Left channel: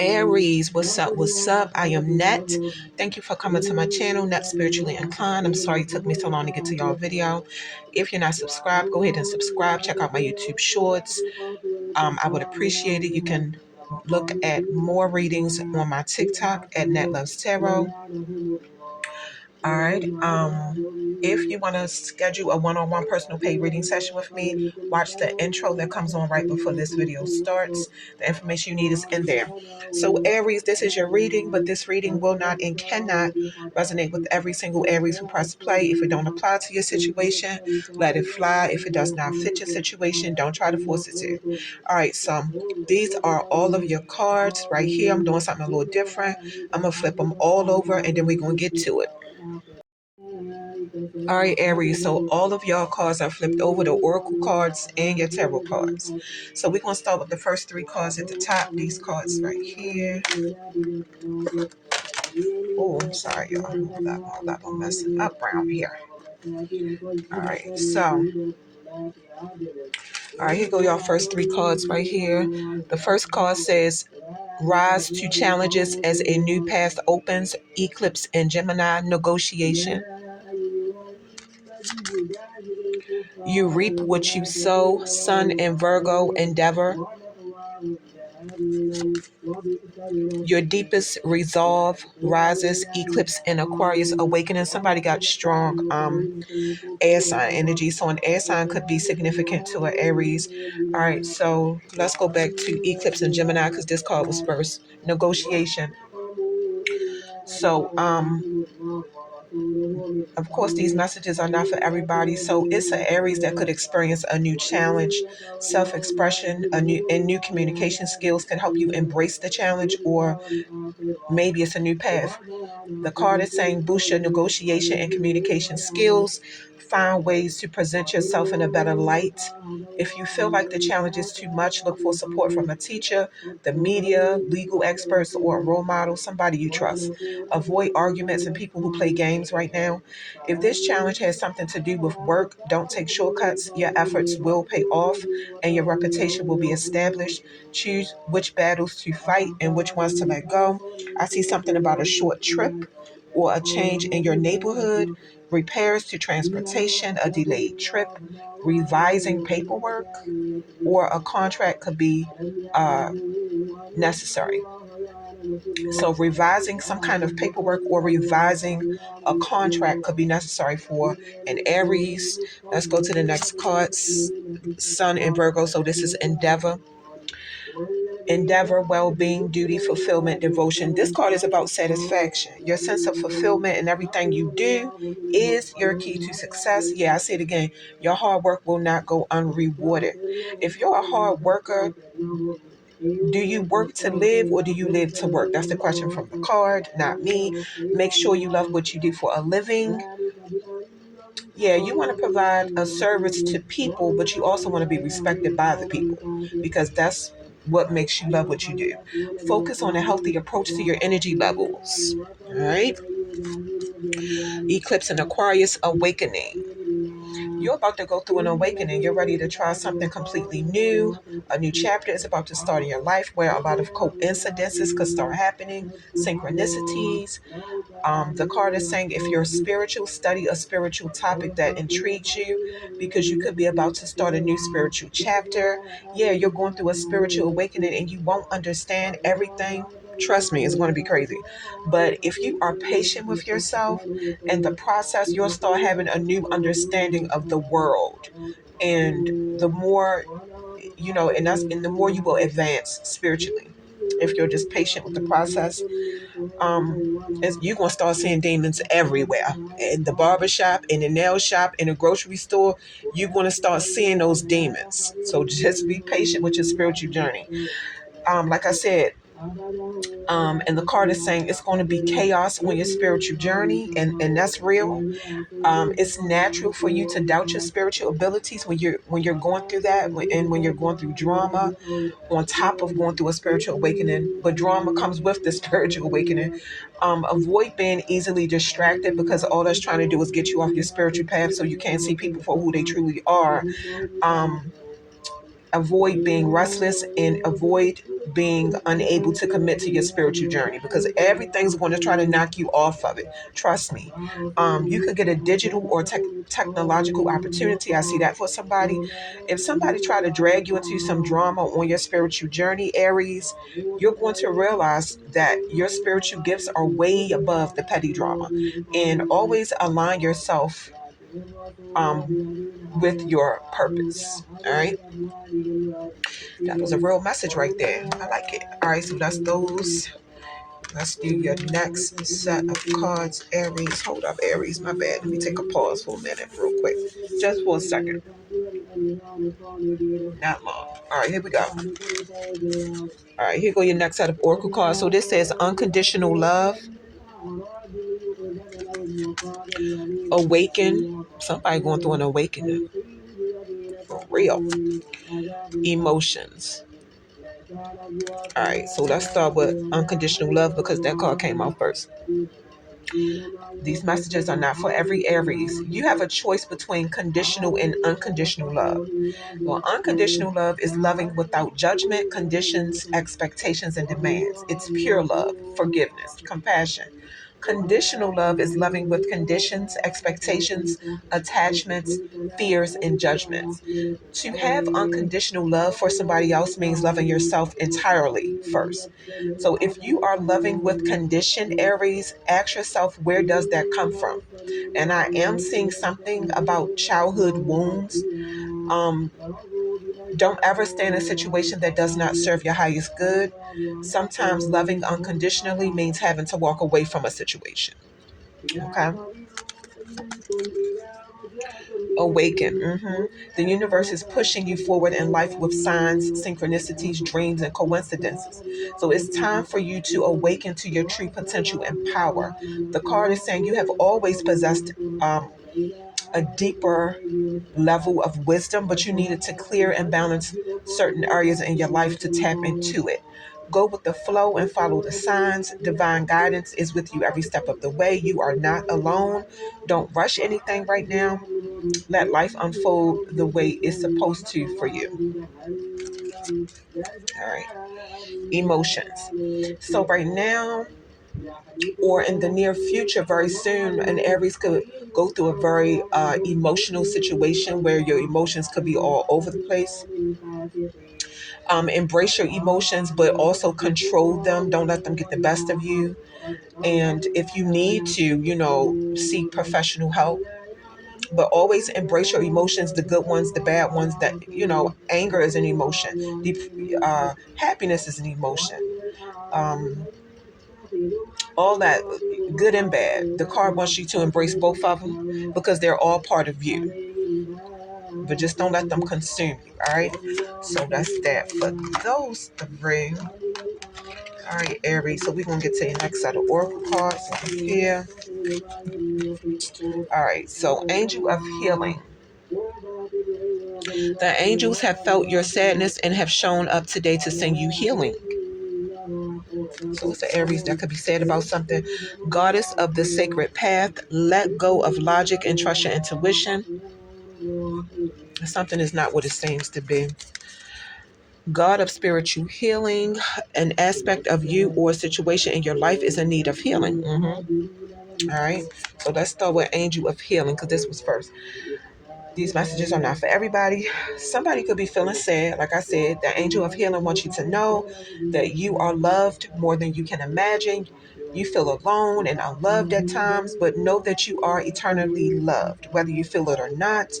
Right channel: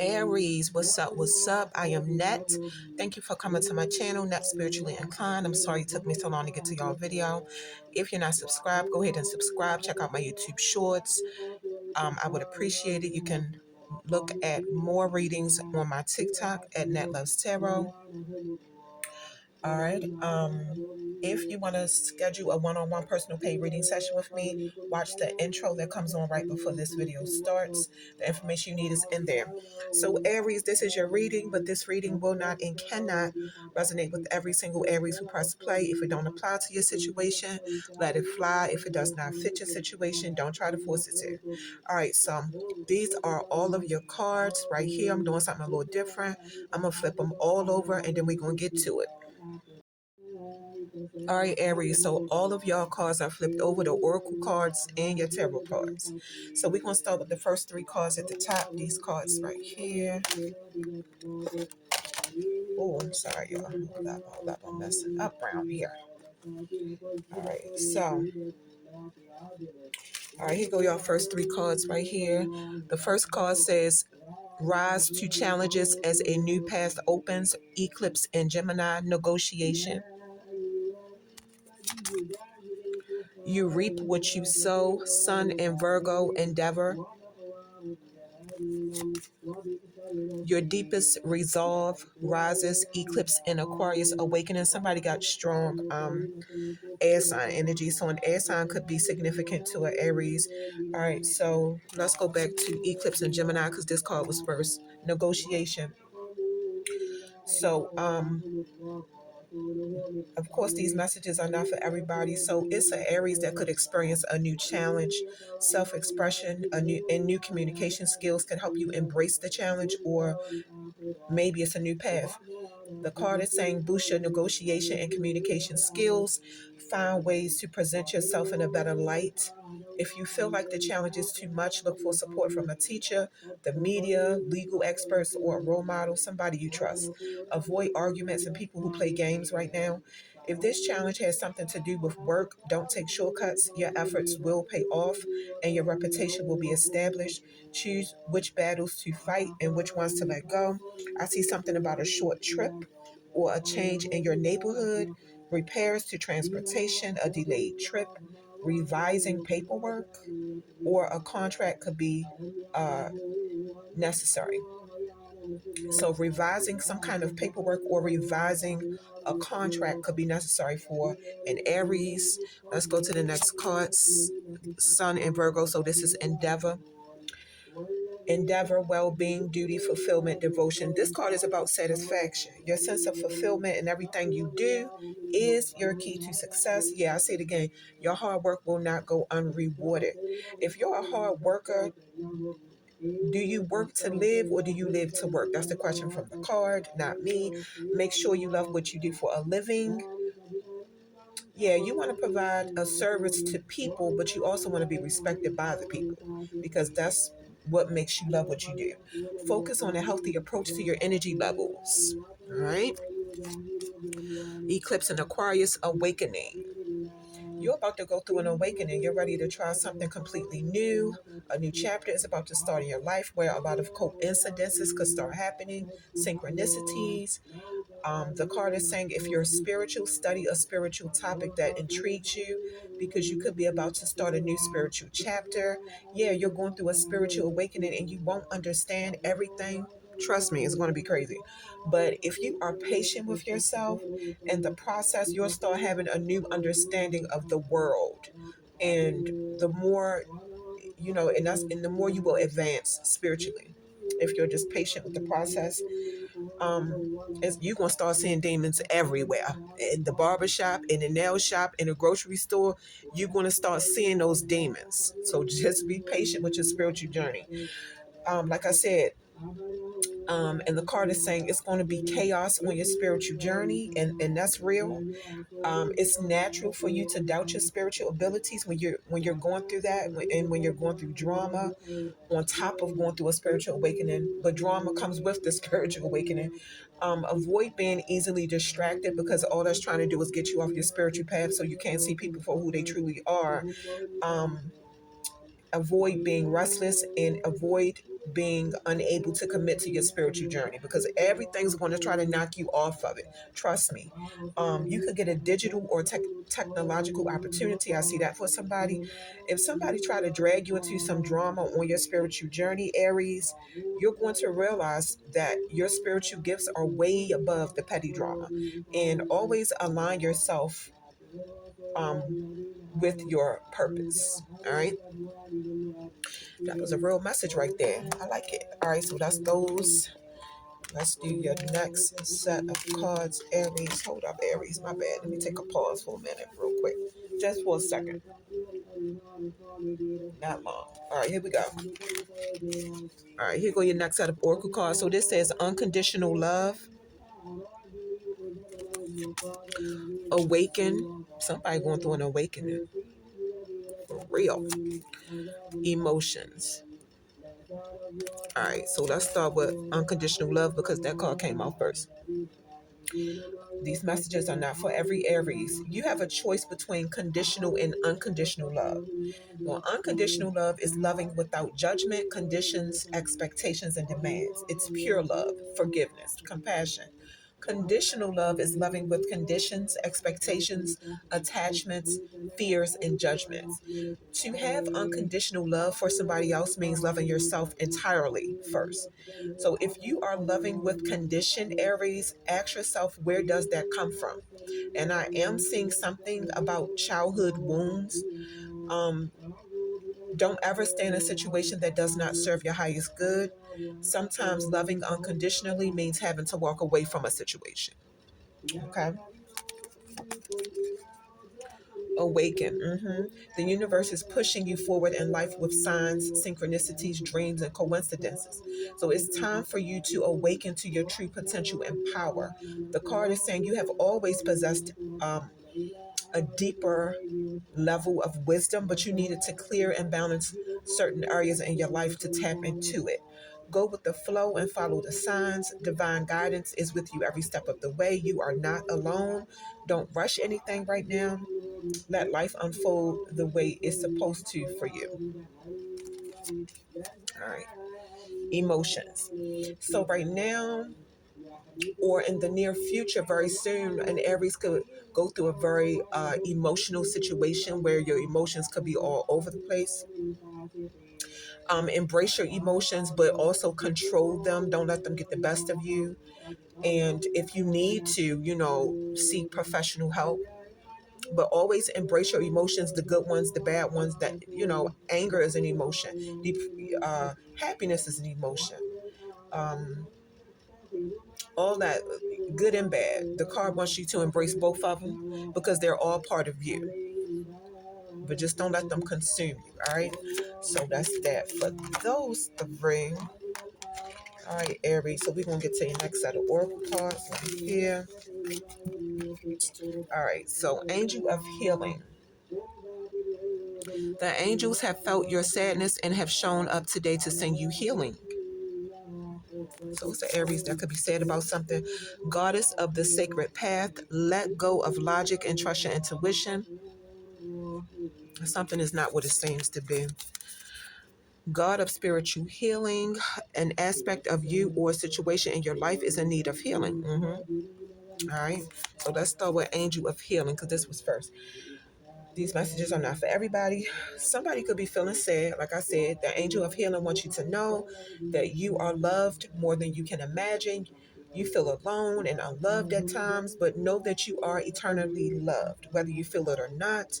Aries, what's up? What's up? I am Net. Thank you for coming to my channel, Net Spiritually Inclined. I'm sorry it took me so long to get to y'all video. If you're not subscribed, go ahead and subscribe. Check out my YouTube shorts. I would appreciate it. You can look at more readings on my TikTok at Net Loves Tarot. All right. If you want to schedule a one-on-one personal paid reading session with me, watch the intro that comes on right before this video starts. The information you need is in there. So Aries, this is your reading, but this reading will not and cannot resonate with every single Aries who press play. If it don't apply to your situation, let it fly. If it does not fit your situation, don't try to force it to. All right, so these are all of your cards right here. I'm doing something a little different. I'm going to flip them all over, and then we're going to get to it. All right, Aries, so all of y'all cards are flipped over, the oracle cards and your tarot cards. So we're going to start with the first three cards at the top. These cards right here. Oh, I'm sorry, y'all. Hold up. I'm messing up around here. All right, so. All right, here go y'all first three cards right here. The first card says, rise to challenges as a new path opens, eclipse and Gemini negotiation. You reap what you sow, Sun and Virgo endeavor. Your deepest resolve rises, eclipse and Aquarius awakening. Somebody got strong air sign energy. So an air sign could be significant to an Aries. All right, so let's go back to eclipse and Gemini because this card was first. Negotiation. So of course, these messages are not for everybody. So it's an Aries that could experience a new challenge, self-expression, new communication skills can help you embrace the challenge, or maybe it's a new path. The card is saying boost your negotiation and communication skills. Find ways to present yourself in a better light. If you feel like the challenge is too much, look for support from a teacher, the media, legal experts, or a role model, somebody you trust. Avoid arguments and people who play games right now. If this challenge has something to do with work, don't take shortcuts. Your efforts will pay off and your reputation will be established. Choose which battles to fight and which ones to let go. I see something about a short trip or a change in your neighborhood, repairs to transportation, a delayed trip, revising paperwork, or a contract could be necessary. So revising some kind of paperwork or revising a contract could be necessary for an Aries. Let's go to the next card, Sun and Virgo. So this is endeavor. Endeavor, well-being, duty, fulfillment, devotion. This card is about satisfaction. Your sense of fulfillment in everything you do is your key to success. Yeah, I say it again. Your hard work will not go unrewarded. If you're a hard worker, do you work to live or do you live to work? That's the question from the card, not me. Make sure you love what you do for a living. Yeah, you want to provide a service to people, but you also want to be respected by the people because that's what makes you love what you do. Focus on a healthy approach to your energy levels. All right. Eclipse and Aquarius awakening. You're about to go through an awakening. You're ready to try something completely new. A new chapter is about to start in your life where a lot of coincidences could start happening, synchronicities. The card is saying if you're spiritual, study a spiritual topic that intrigues you because you could be about to start a new spiritual chapter. Yeah, you're going through a spiritual awakening and you won't understand everything. Trust me, it's going to be crazy. But if you are patient with yourself and the process, you'll start having a new understanding of the world. And the more, and the more you will advance spiritually if you're just patient with the process. you're going to start seeing demons everywhere. In the barbershop, in the nail shop, in the grocery store, you're going to start seeing those demons. So just be patient with your spiritual journey. Like I said, and the card is saying it's going to be chaos on your spiritual journey, and that's real. It's natural for you to doubt your spiritual abilities when you're going through that, and when you're going through drama, on top of going through a spiritual awakening. But drama comes with the spiritual awakening. Avoid being easily distracted, because all that's trying to do is get you off your spiritual path, so you can't see people for who they truly are. Um, Avoid being restless, and avoid being unable to commit to your spiritual journey, because everything's going to try to knock you off of it. Trust me. You could get a digital or technological opportunity. I see that for somebody. If somebody try to drag you into some drama on your spiritual journey, Aries, you're going to realize that your spiritual gifts are way above the petty drama. And always align yourself with your purpose. All right. That was a real message right there. I like it. All right. So that's those. Let's do your next set of cards, Aries. Hold up, Aries. My bad. Let me take a pause for a minute, real quick. Just for a second. Not long. All right, here we go. All right, here go your next set of oracle cards. So this says unconditional love, awaken. Somebody going through an awakening. For real. Emotions. All right, so let's start with unconditional love, because that card came out first. These messages are not for every Aries. You have a choice between conditional and unconditional love. Well, unconditional love is loving without judgment, conditions, expectations, and demands. It's pure love, forgiveness, compassion. Conditional love is loving with conditions, expectations, attachments, fears, and judgments. To have unconditional love for somebody else means loving yourself entirely first. So if you are loving with condition, Aries, ask yourself, where does that come from? And I am seeing something about childhood wounds. Um, don't ever stay in a situation that does not serve your highest good. Sometimes loving unconditionally means having to walk away from a situation. Okay? Awaken. The universe is pushing you forward in life with signs, synchronicities, dreams, and coincidences. So it's time for you to awaken to your true potential and power. The card is saying you have always possessed a deeper level of wisdom, but you needed to clear and balance certain areas in your life to tap into it. Go with the flow and follow the signs. Divine guidance is with you every step of the way. You are not alone. Don't rush anything right now. Let life unfold the way it's supposed to for you. All right. Emotions. So, right now, or in the near future, very soon, an Aries could go through a very emotional situation where your emotions could be all over the place. Embrace your emotions, but also control them. Don't let them get the best of you. And if you need to, seek professional help, but always embrace your emotions, the good ones, the bad ones. That, anger is an emotion. Happiness is an emotion. Um, all that, good and bad. The card wants you to embrace both of them, because they're all part of you. But just don't let them consume you. All right. So that's that for those three. All right, Aries. So we're gonna get to your next set of oracle cards here. All right. So, Angel of Healing. The angels have felt your sadness and have shown up today to send you healing. So it's an Aries that could be sad about something. Goddess of the sacred path, let go of logic and trust your intuition. Something is not what it seems to be. God of spiritual healing, an aspect of you or situation in your life is in need of healing. All right. So let's start with Angel of Healing, because this was first. These messages are not for everybody. Somebody could be feeling sad. Like I said, the Angel of Healing wants you to know that you are loved more than you can imagine. You feel alone and unloved at times, but know that you are eternally loved. Whether you feel it or not,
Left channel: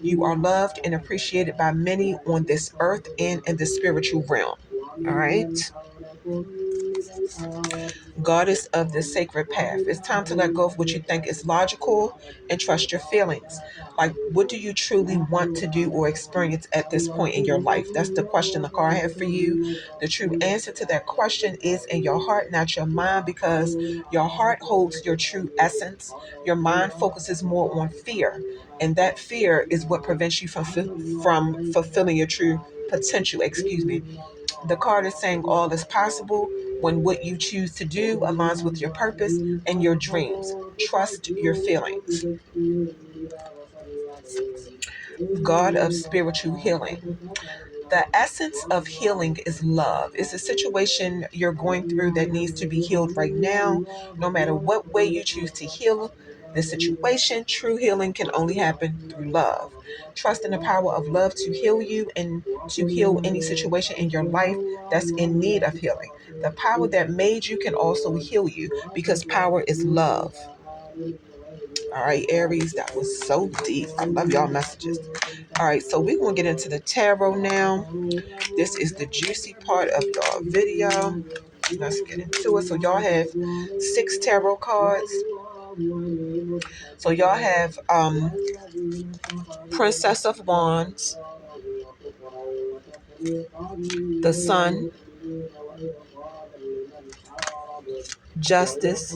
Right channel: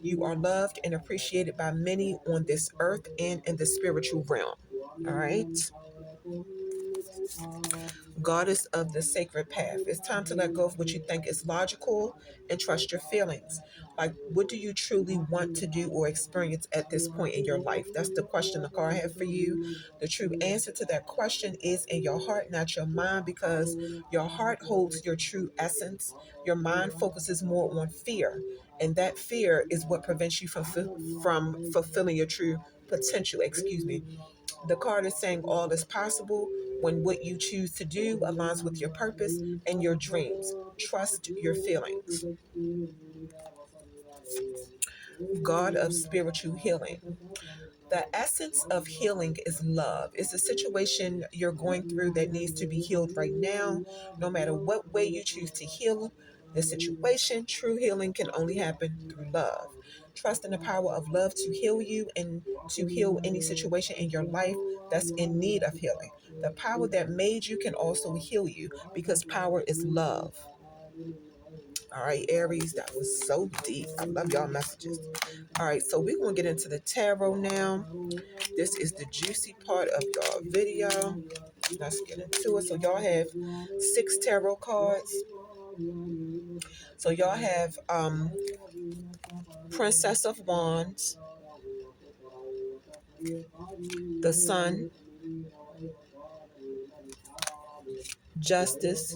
you are loved and appreciated by many on this earth and in the spiritual realm. All right. Goddess of the sacred path. It's time to let go of what you think is logical and trust your feelings. Like, what do you truly want to do or experience at this point in your life? That's the question the card had for you. The true answer to that question is in your heart, not your mind, because your heart holds your true essence. Your mind focuses more on fear, and that fear is what prevents you from fulfilling your true potential. Excuse me. The card is saying all is possible when what you choose to do aligns with your purpose and your dreams. Trust your feelings. God of spiritual healing. The essence of healing is love. It's a situation you're going through that needs to be healed right now. No matter what way you choose to heal the situation, true healing can only happen through love. Trust in the power of love to heal you and to heal any situation in your life that's in need of healing. The power that made you can also heal you because power is love. All right, Aries, that was so deep. I love y'all messages. All right, so we're going to get into the tarot now. This is the juicy part of y'all video. Let's get into it. So y'all have 6 tarot cards. So y'all have Princess of Wands, the Sun, Justice,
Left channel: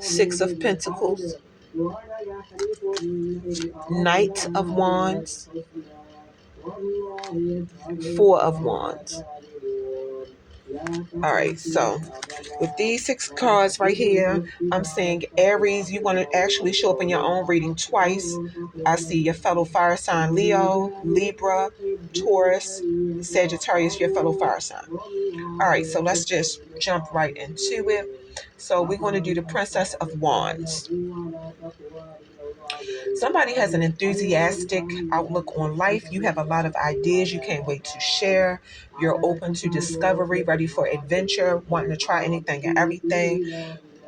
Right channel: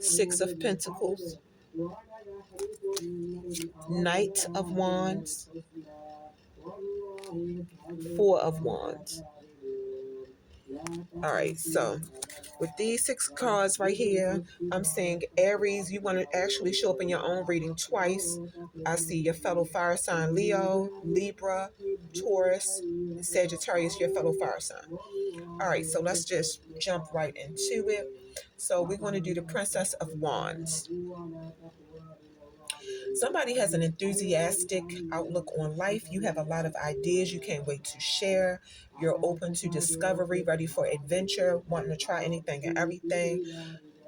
6 of Pentacles, Knight of Wands, 4 of Wands. All right, so with these 6 cards right here, I'm saying Aries, you want to actually show up in your own reading twice. I see your fellow fire sign Leo, Libra, Taurus, Sagittarius, your fellow fire sign. All right, so let's just jump right into it. So we're going to do the Princess of Wands. Somebody has an enthusiastic outlook on life. You have a lot of ideas you can't wait to share. You're open to discovery, ready for adventure, wanting to try anything and everything.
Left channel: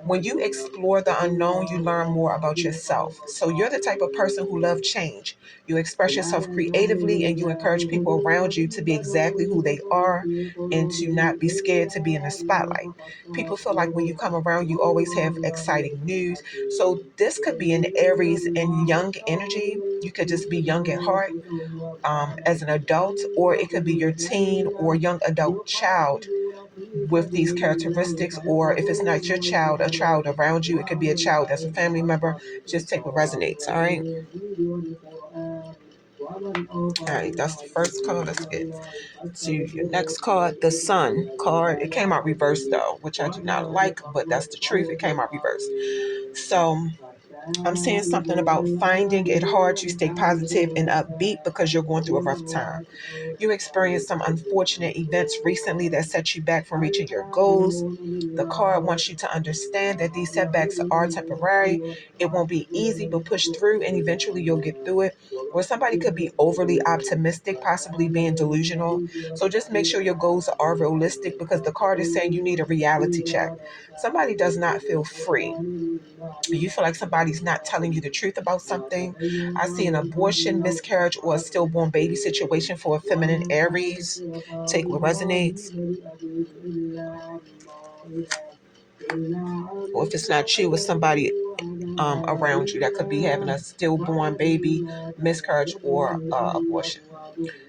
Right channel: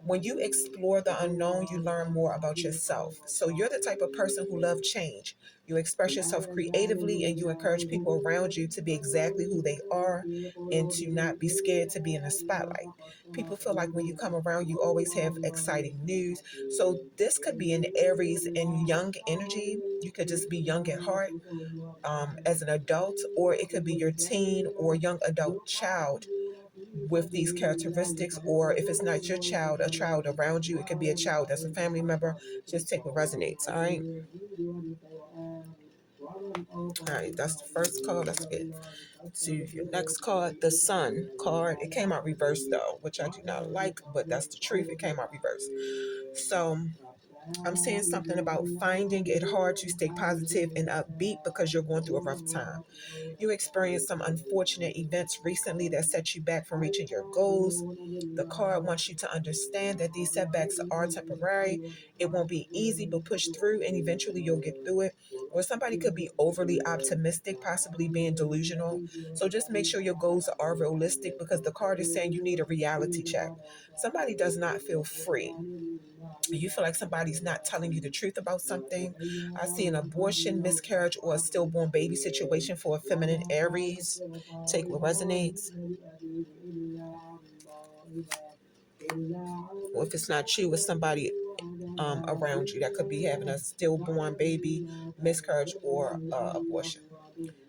When you explore the unknown, you learn more about yourself. So you're the type of person who loves change. You express yourself creatively and you encourage people around you to be exactly who they are and to not be scared to be in the spotlight. People feel like when you come around, you always have exciting news. So this could be an Aries and young energy. You could just be young at heart as an adult, or it could be your teen or young adult child with these characteristics, or if it's not your child, a child around you. It could be a child that's a family member. Just take what resonates. All right. All right, that's the first card. Let's get to your next card, the Sun card. It came out reversed though, which I do not like, but that's the truth. It came out reversed. So I'm saying something about finding it hard to stay positive and upbeat because you're going through a rough time. You experienced some unfortunate events recently that set you back from reaching your goals. The card wants you to understand that these setbacks are temporary. It won't be easy, but push through and eventually you'll get through it. Or somebody could be overly optimistic, possibly being delusional. So just make sure your goals are realistic because the card is saying you need a reality check. Somebody does not feel free. You feel like somebody's not telling you the truth about something. I see an abortion, miscarriage, or a stillborn baby situation for a feminine Aries. Take what resonates. Or if it's not you, it's somebody around you that could be having a stillborn baby, miscarriage, or abortion.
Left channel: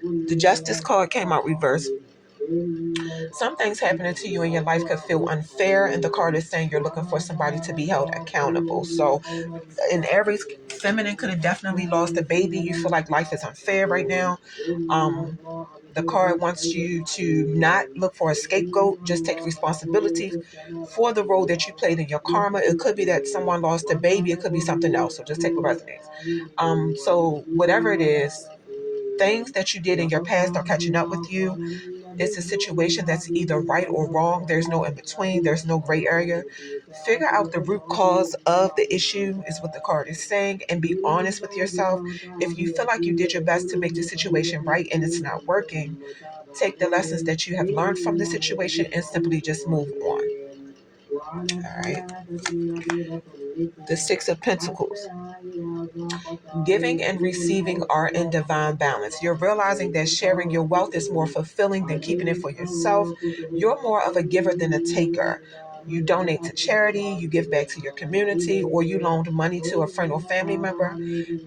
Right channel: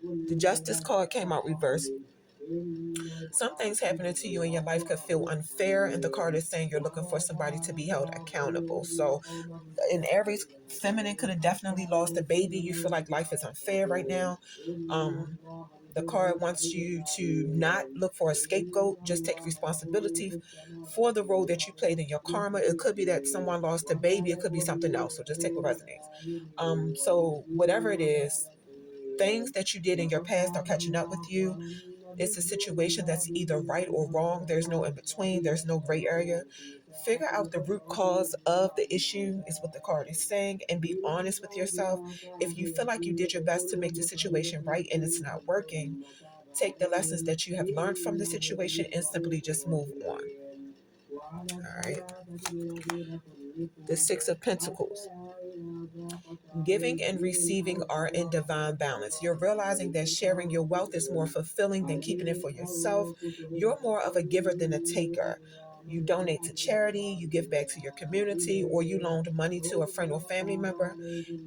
The Justice card came out reversed. Some things happening to you in your life could feel unfair, and the card is saying you're looking for somebody to be held accountable. So, in Aries, feminine could have definitely lost a baby. You feel like life is unfair right now. The card wants you to not look for a scapegoat, just take responsibility for the role that you played in your karma. It could be that someone lost a baby, it could be something else. So, just take what resonates. So, whatever it is, things that you did in your past are catching up with you. It's a situation that's either right or wrong. There's no in between. There's no gray area. Figure out the root cause of the issue is what the card is saying, and be honest with yourself. If you feel like you did your best to make the situation right and it's not working, take the lessons that you have learned from the situation and simply just move on. All right. The Six of Pentacles. Giving and receiving are in divine balance. You're realizing that sharing your wealth is more fulfilling than keeping it for yourself. You're more of a giver than a taker. You donate to charity, you give back to your community, or you loaned money to a friend or family member.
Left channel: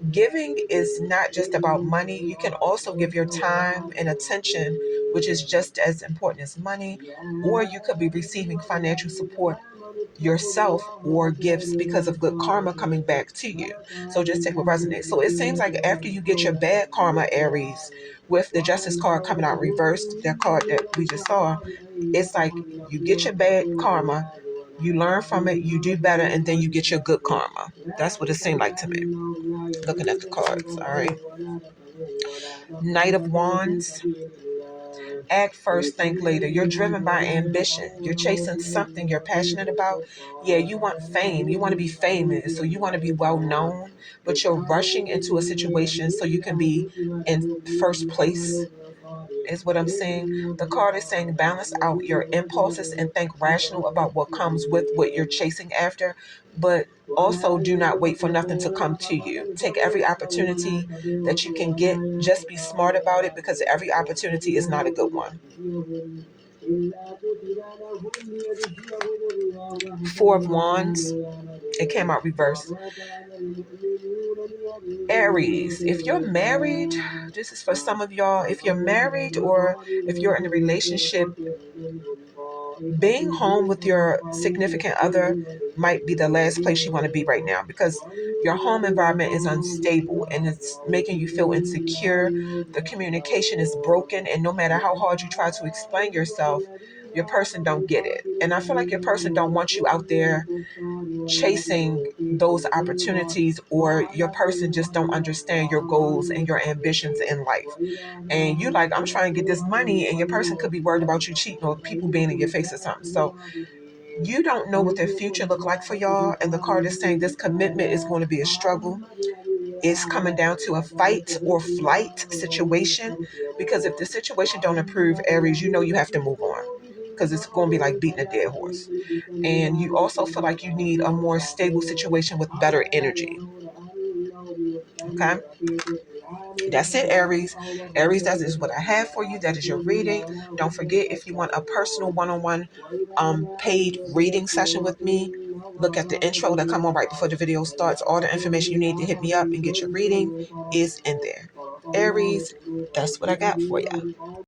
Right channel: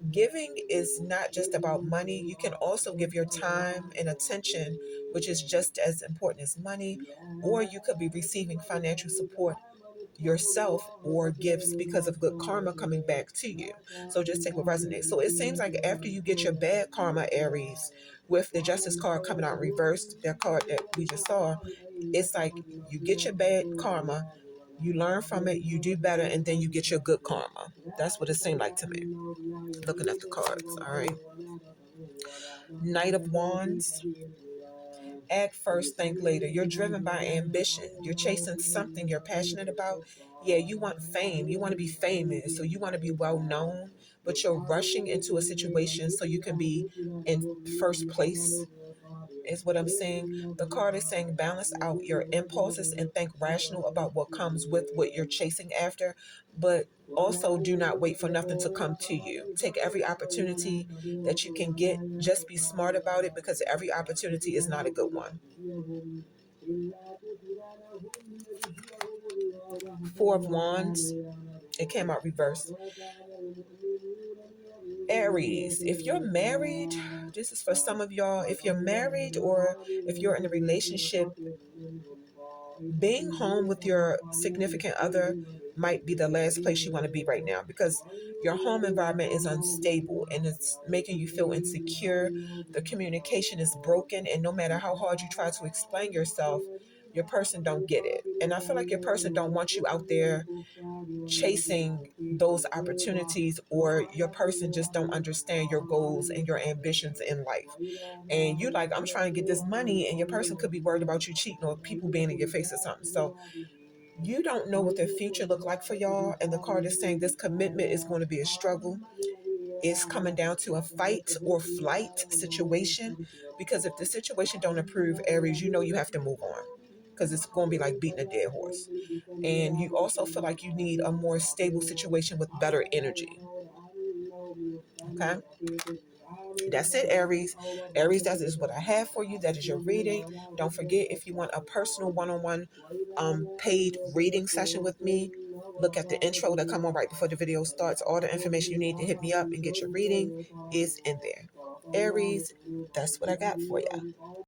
Giving is not just about money. You can also give your time and attention, which is just as important as money, or you could be receiving financial support yourself or gifts because of good karma coming back to you. So just take what resonates. So it seems like after you get your bad karma, Aries, with the Justice card coming out reversed, that card that we just saw, it's like you get your bad karma, you learn from it, you do better, and then you get your good karma. That's what it seemed like to me, looking at the cards. All right. Knight of Wands. Act first, think later. You're driven by ambition. You're chasing something you're passionate about. Yeah, you want fame. You want to be famous. So you want to be well known, but you're rushing into a situation so you can be in first place, is what I'm saying. The card is saying balance out your impulses and think rational about what comes with what you're chasing after, but also do not wait for nothing to come to you. Take every opportunity that you can get. Just be smart about it because every opportunity is not a good one. Four of Wands. It came out reversed. Aries, if you're married, this is for some of y'all. If you're married or if you're in a relationship, being home with your significant other might be the last place you want to be right now because your home environment is unstable and it's making you feel insecure. The communication is broken, and no matter how hard you try to explain yourself, your person don't get it. And I feel like your person don't want you out there chasing those opportunities, or your person just don't understand your goals and your ambitions in life. And you like, I'm trying to get this money, and your person could be worried about you cheating or people being in your face or something. So you don't know what their future look like for y'all. And the card is saying this commitment is going to be a struggle. It's coming down to a fight or flight situation, because if the situation don't improve, Aries, you know you have to move on because it's going to be like beating a dead horse. And you also feel like you need a more stable situation with better energy. Okay, that's it, Aries. Aries, that is what I have for you. That is your reading. Don't forget, if you want a personal one-on-one paid reading session with me, look at the intro that come on right before the video starts. All the information you need to hit me up and get your reading is in there. Aries, that's what I got for you.